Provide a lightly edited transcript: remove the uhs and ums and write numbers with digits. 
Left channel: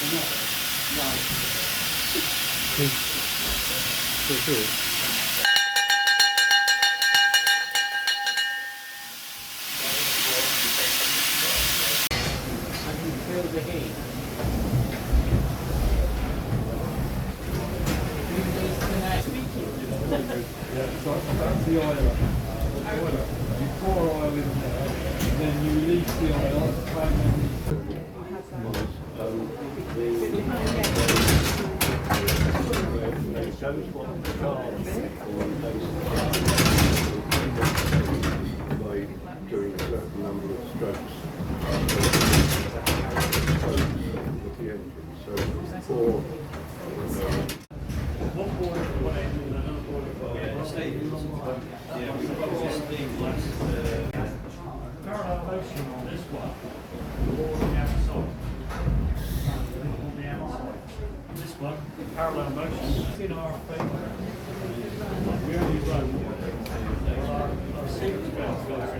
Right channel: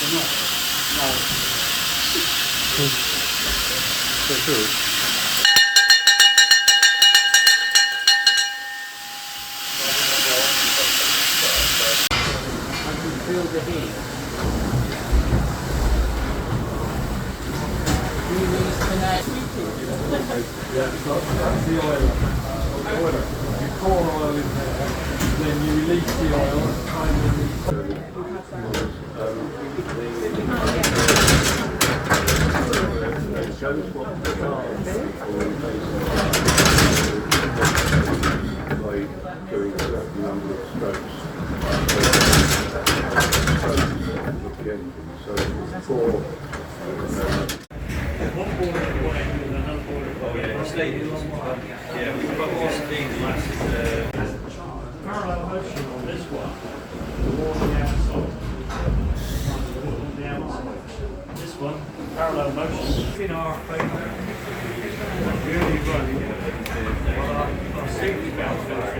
I can feel the heat. Release the night. Yeah, that's the oiler. You pour oil in there, then you release the oil at the time when you... It shows what the car by doing a certain number of strokes. With the engine. So for One boiler at one end and another boiler at the other. Yeah, we've got this thing last Parallel motion on this one, towards the outside. On the outside. This one, parallel motion. In our favour. We only run what our safety belt goes